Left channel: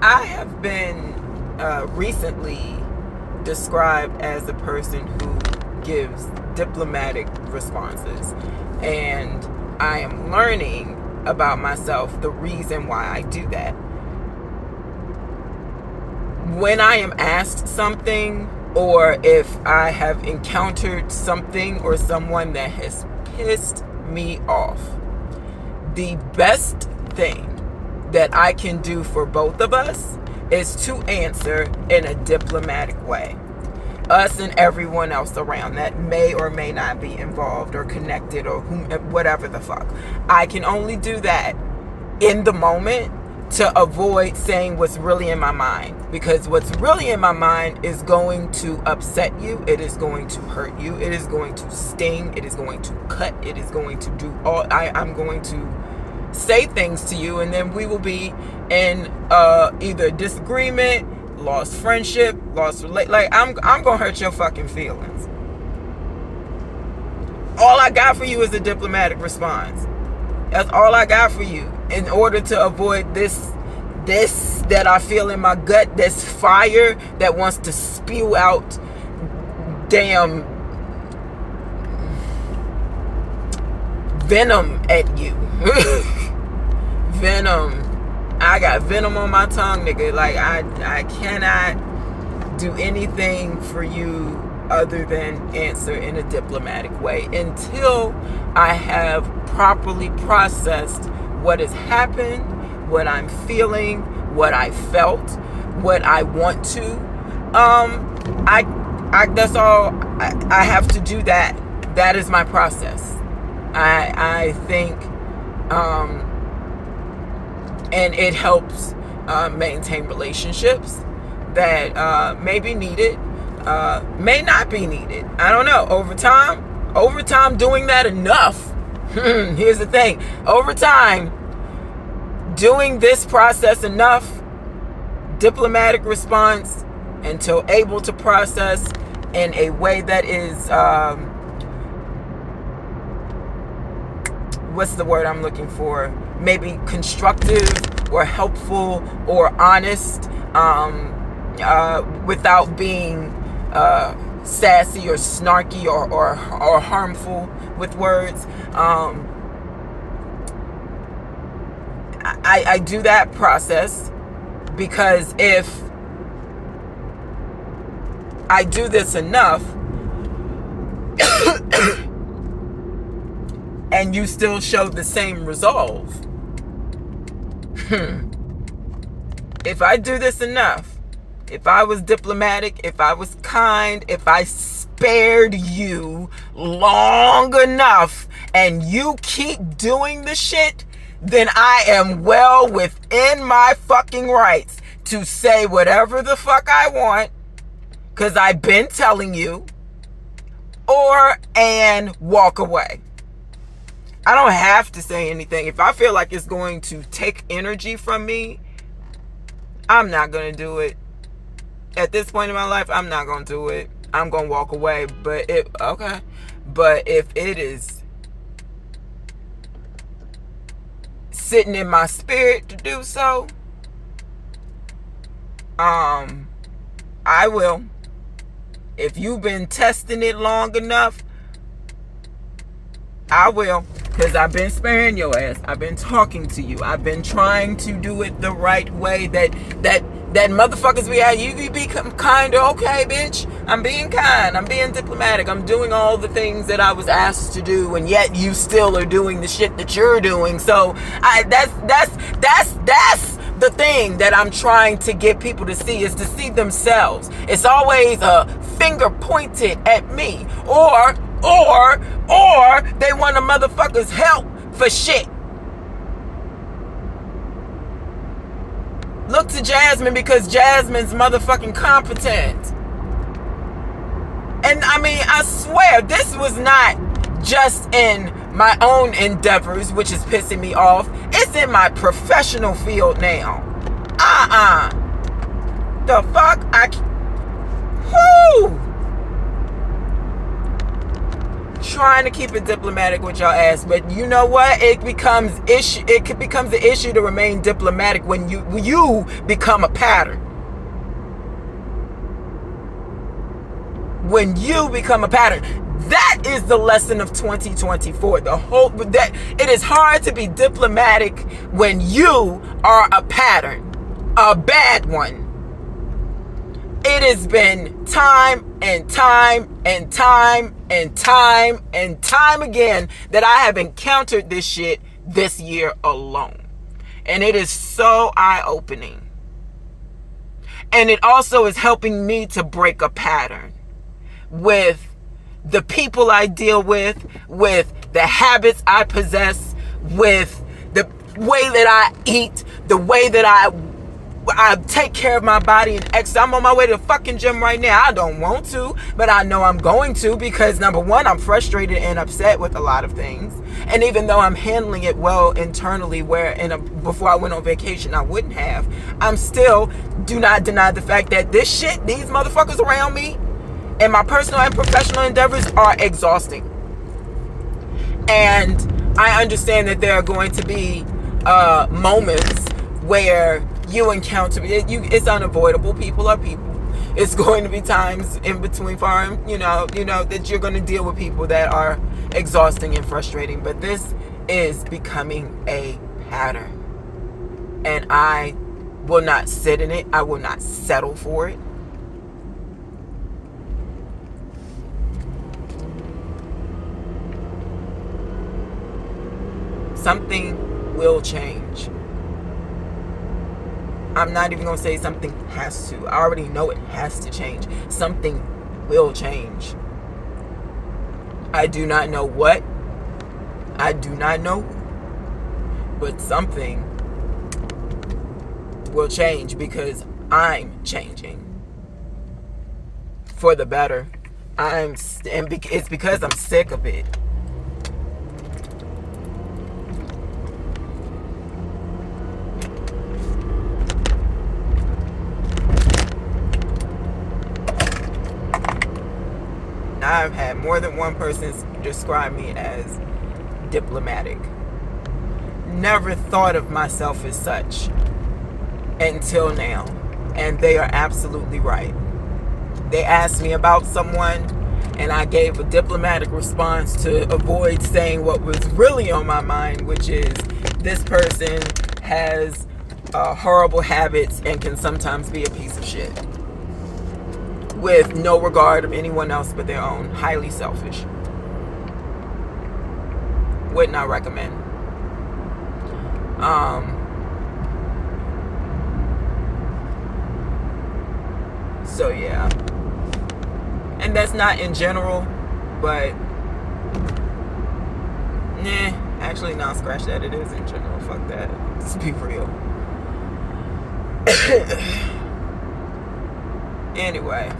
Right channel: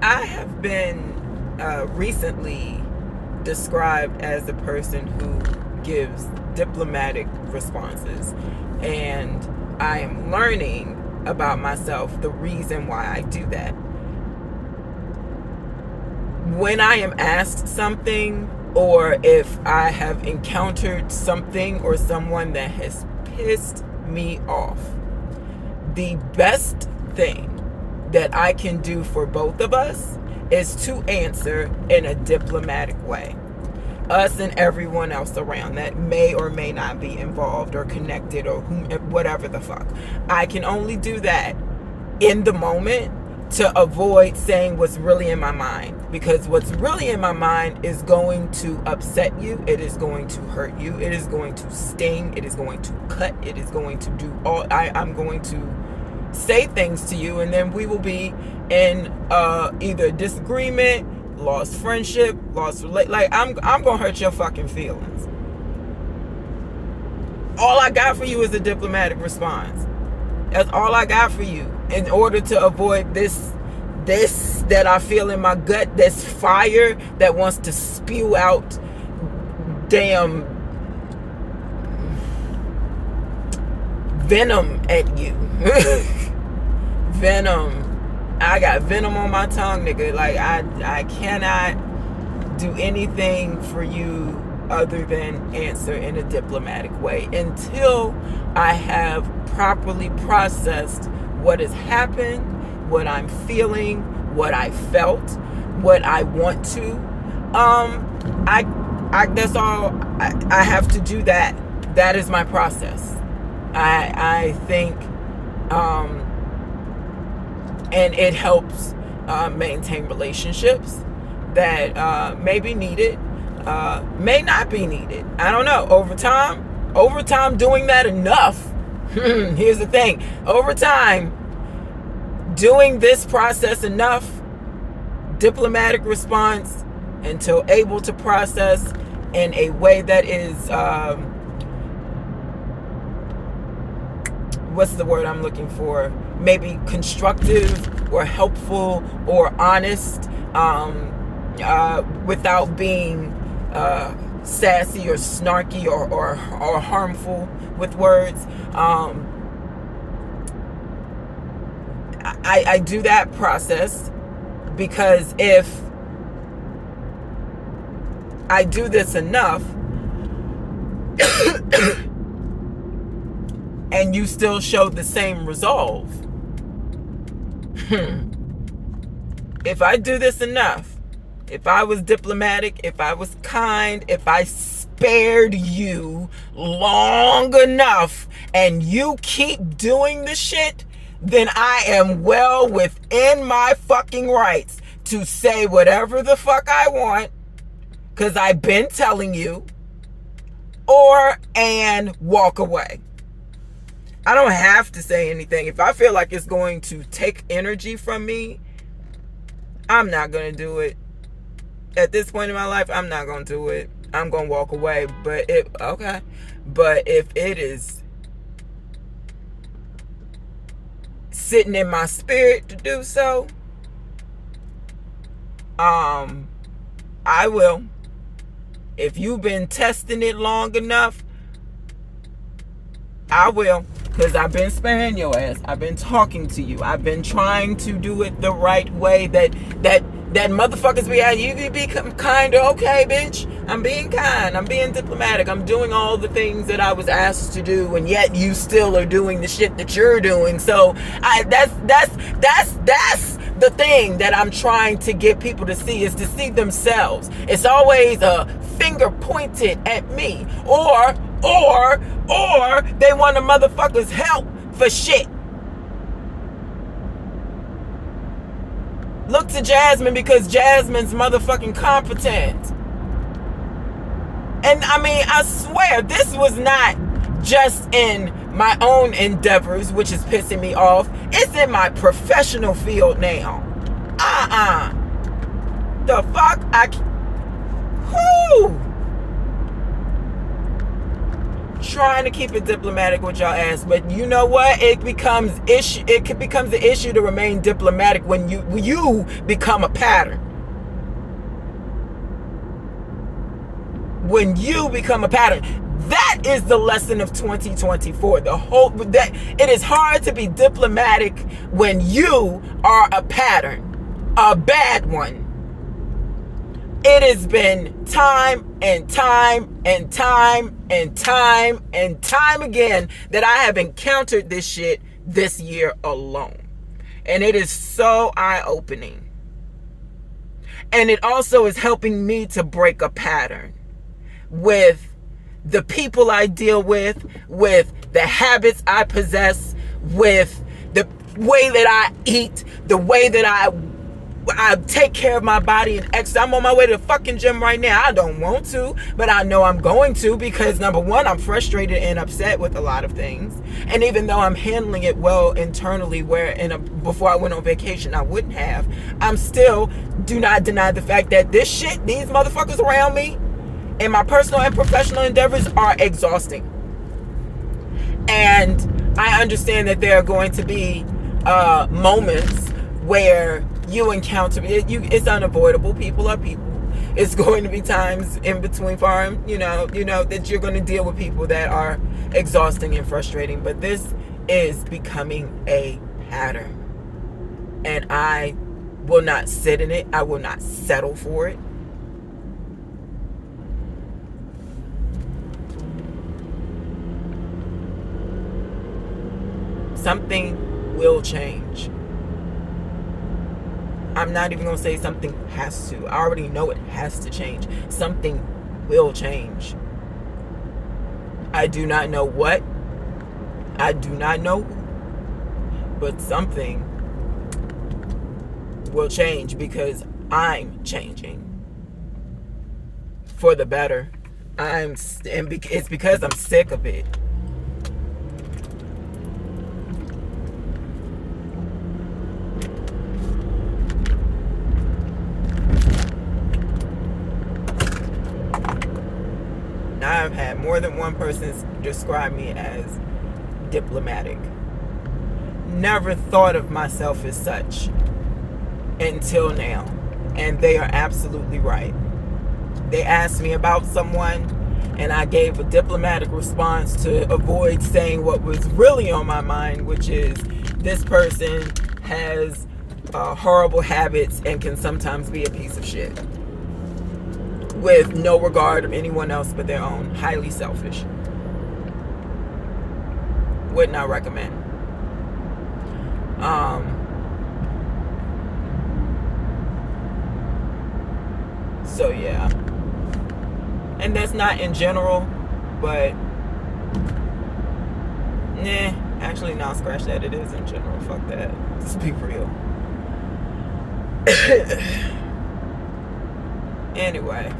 I have been recently described as a person who gives diplomatic responses, and I am learning about myself the reason why I do that. When I am asked something, or if I have encountered something or someone that has pissed me off, the best thing that I can do for both of us is to answer in a diplomatic way. Us and everyone else around that may or may not be involved or connected or whatever the fuck. I can only do that in the moment to avoid saying what's really in my mind, because what's really in my mind is going to upset you, it is going to hurt you, it is going to sting, it is going to cut, it is going to do all I'm going to say things to you, and then we will be in either disagreement, lost friendship, like I'm gonna hurt your fucking feelings. All I got for you is a diplomatic response. That's all I got for you in order to avoid this that I feel in my gut, this fire that wants to spew out damn venom at you. Venom. I got venom on my tongue, nigga. Like I cannot do anything for you other than answer in a diplomatic way until I have properly processed what has happened, what I'm feeling, what I felt, what I want to. I that's all I have to do. That is my process. I think and it helps maintain relationships that may be needed, may not be needed. I don't know. Over time doing that enough. Here's the thing. Over time, doing this process enough, diplomatic response, until able to process in a way that is, what's the word I'm looking for? Maybe constructive or helpful or honest, without being sassy or snarky or harmful with words. I do that process because if I do this enough and you still show the same resolve, if I do this enough, if I was diplomatic, if I was kind, if I spared you long enough and you keep doing the shit, then I am well within my fucking rights to say whatever the fuck I want, because I've been telling you, and walk away. I don't have to say anything. If I feel like it's going to take energy from me, I'm not going to do it. At this point in my life, I'm not going to do it. I'm going to walk away. But if it is sitting in my spirit to do so, I will. If you've been testing it long enough, I will. Because I've been sparing your ass. I've been talking to you. I've been trying to do it the right way. That motherfuckers be out. You be kinder. Okay, bitch. I'm being kind. I'm being diplomatic. I'm doing all the things that I was asked to do, and yet you still are doing the shit that you're doing. So that's the thing that I'm trying to get people to see, is to see themselves. It's always a finger pointed at me, or they want a motherfucker's help for shit. Look to Jasmine, because Jasmine's motherfucking competent. And I mean, I swear, this was not just in my own endeavors, which is pissing me off. It's in my professional field now. The fuck? trying to keep it diplomatic with y'all ass, but you know what? It becomes an issue to remain diplomatic when you become a pattern. When you become a pattern. That is the lesson of 2024. That it is hard to be diplomatic when you are a pattern, a bad one. It has been time and time and time and time and time again that I have encountered this shit this year alone. And it is so eye-opening. And it also is helping me to break a pattern with the people I deal with the habits I possess, with the way that I eat, the way that I take care of my body and exercise. I'm on my way to the fucking gym right now. I don't want to, but I know I'm going to, because number one, I'm frustrated and upset with a lot of things. And even though I'm handling it well internally, before I went on vacation, I wouldn't have, I'm still do not deny the fact that these motherfuckers around me and my personal and professional endeavors are exhausting. And I understand that there are going to be moments where you encounter it's unavoidable. People are people. It's going to be times in between farm, that you're going to deal with people that are exhausting and frustrating. But this is becoming a pattern. And I will not sit in it. I will not settle for it. Something will change. I'm not even going to say something has to. I already know it has to change. Something will change. I do not know what. I do not know. But something will change, because I'm changing for the better. It's because I'm sick of it. I've had more than one person describe me as diplomatic. Never thought of myself as such until now. And they are absolutely right. They asked me about someone, and I gave a diplomatic response to avoid saying what was really on my mind, which is this person has horrible habits and can sometimes be a piece of shit, with no regard of anyone else but their own. Highly selfish. Would not recommend. So yeah. And that's not in general, but actually, not scratch that. It is in general. Fuck that. Let's be real. Anyway.